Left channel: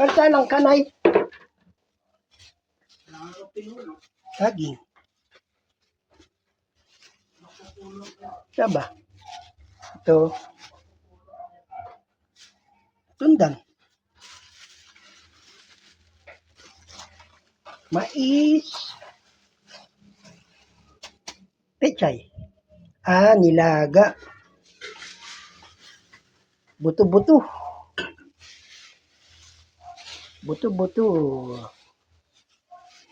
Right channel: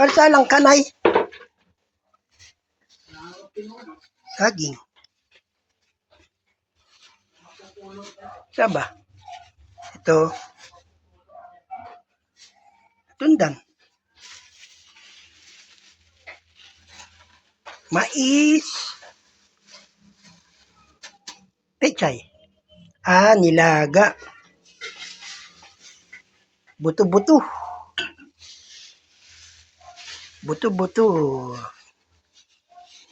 Para lang kanay. Saging. Saba. Ito. Tundan. Mais. Pechay. Nilaga. Buto-buto. Buto-buto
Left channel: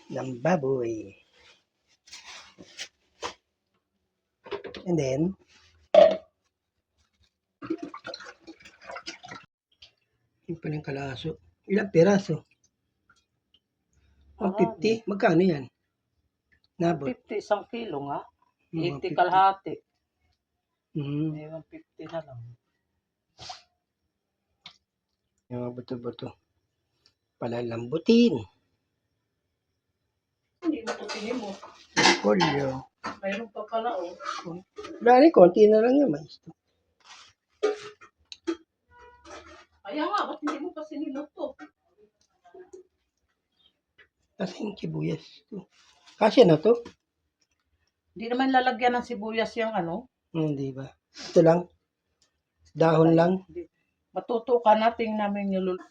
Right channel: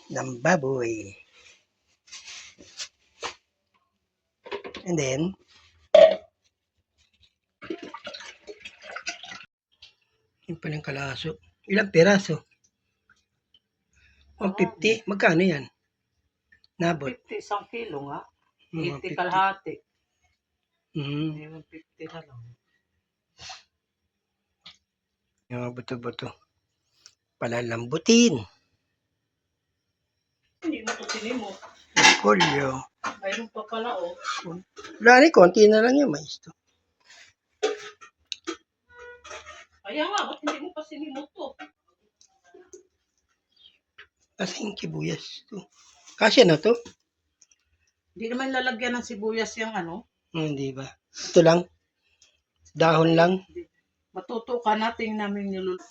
ng baboy. And then, yung palang kalaso. Ilang peraso? 150? Magkano yan? Nabot? 50 isang kilo nga. 80 150. kalahati. Mm. 150 na lang. Yung mga buto-buto. Palalambutin. Hindi mo ito sinimot. Polyo. Mayroon pa pala Lani, konti na lang yung mais to. Kaya nga, ba't hindi mo pa sinimot to? Kasi yung kibuyas to. Kasya na to? Hindi naman lalagyan ng sibuyas yung Hindi ba? Ito lang. Dahon lang. Matutukan natin namin niluluto.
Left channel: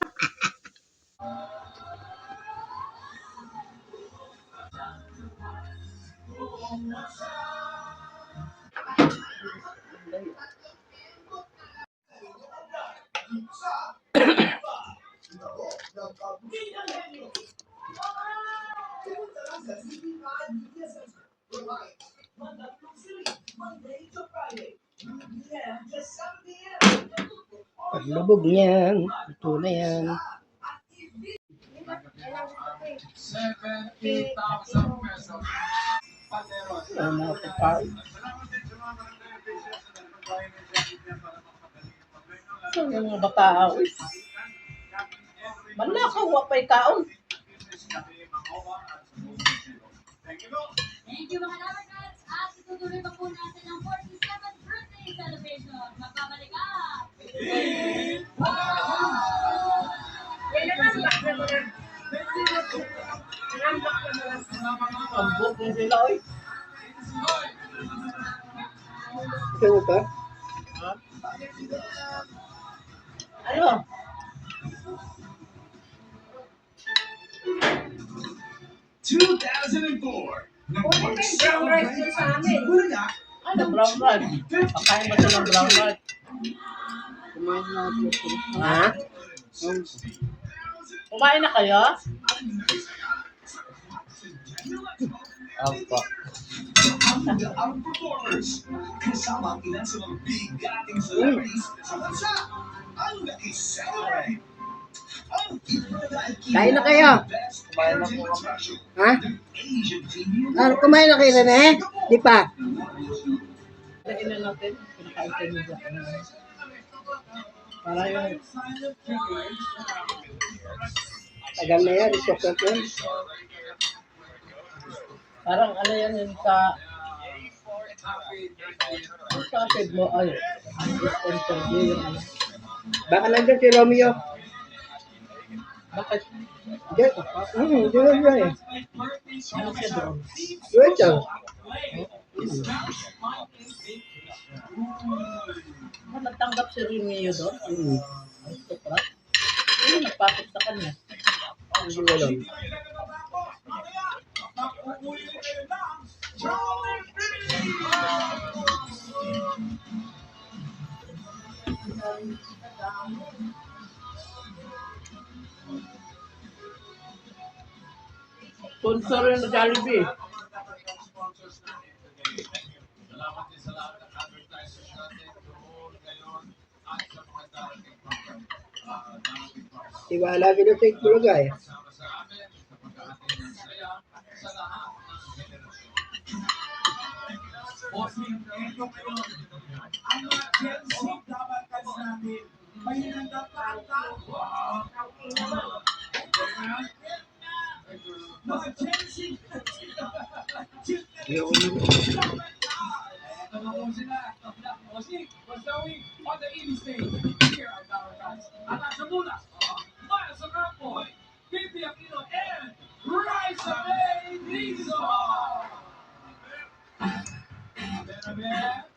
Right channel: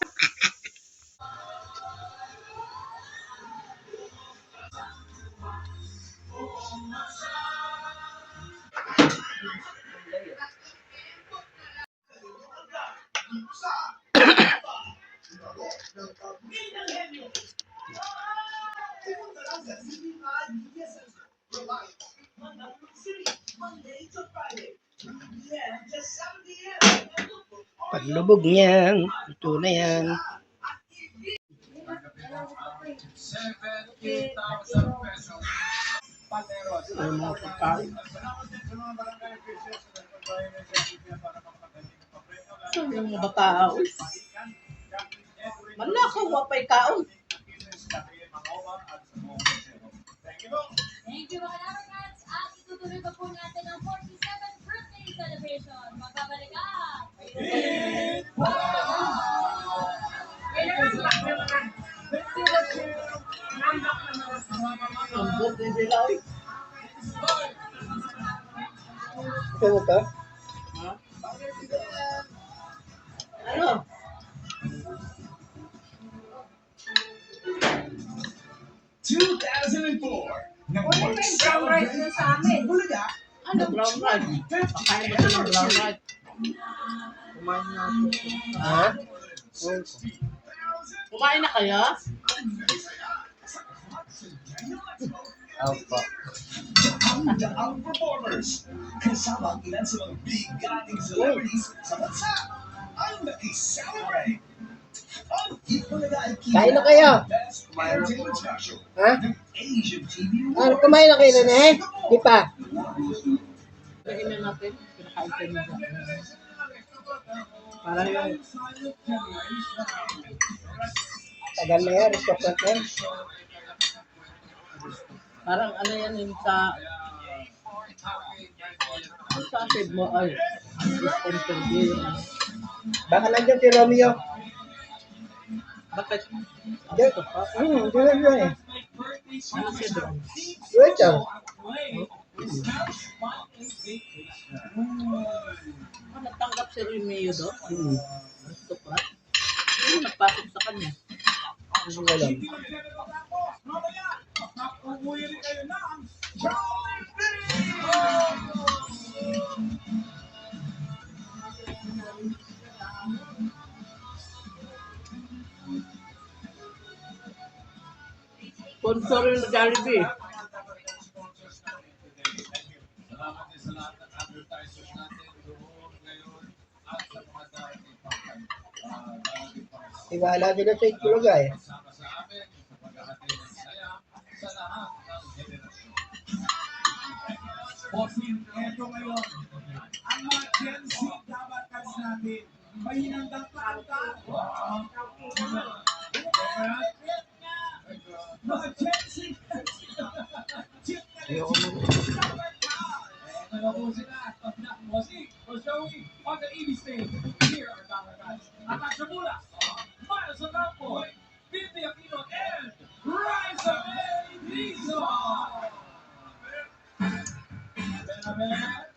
Paglubog niyan, ito na yan. 70,000 pesos. Ay, mga pagkain. So, yung mga batao. Malakaw, wapay kaon. Thank you mga Labarcats at itutuloy pa po natin ang 47th birthday celebration. Magbabalik ka! Ambot din sila, oy. Ito mo pa? Ha? Ano? Ano, brown rice? Pakain ba ito ng brown rice? Kumain na ako. Ha? Kumain na kayo? Opo. Ang performers, kasama ang ilan sa mga bigating celebrities sa bansa, ang nakiselebrate. Ang Kain na kayo? kumain na po kami. Ha? Asian TV Kumain na kayo na eh? Di pa? Lagyan na natin. Pinakain tayo mo dyan. Para yung... Tagal na yan, restockan yan. Parang ano yan yun sa... Sa akin mo ay... interview yung ano. Baka nandun si Romeo. Bakit? Diyan lang eh. Ano siya doon? Diyan siya. Nagtanggap si Romeo doon? Hmm. Gusto ko lang. Ano nagpasok sa kanya? Hindi ko alam. Sponsor yung Jollibee. Tiwala kita sa itlog eh. Ang mga Gen Z Labarcats natin, may hinandang kanta. Mga Gen Z. Ano po sila? Bossy, Boss Joey, on the EV stage. Here are Labarcats. At sa mula, para sa kampo, Pipi Aquino and Raisa May Dizon. Benaber.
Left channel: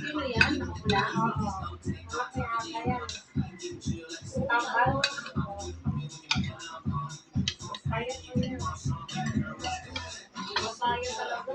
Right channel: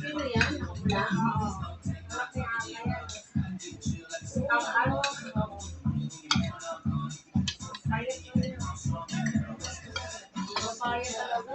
Sino yan? Nakapula? Oo. Malaki ata yan. Tambal? Oo. Payat mo yun. Mapayat talaga.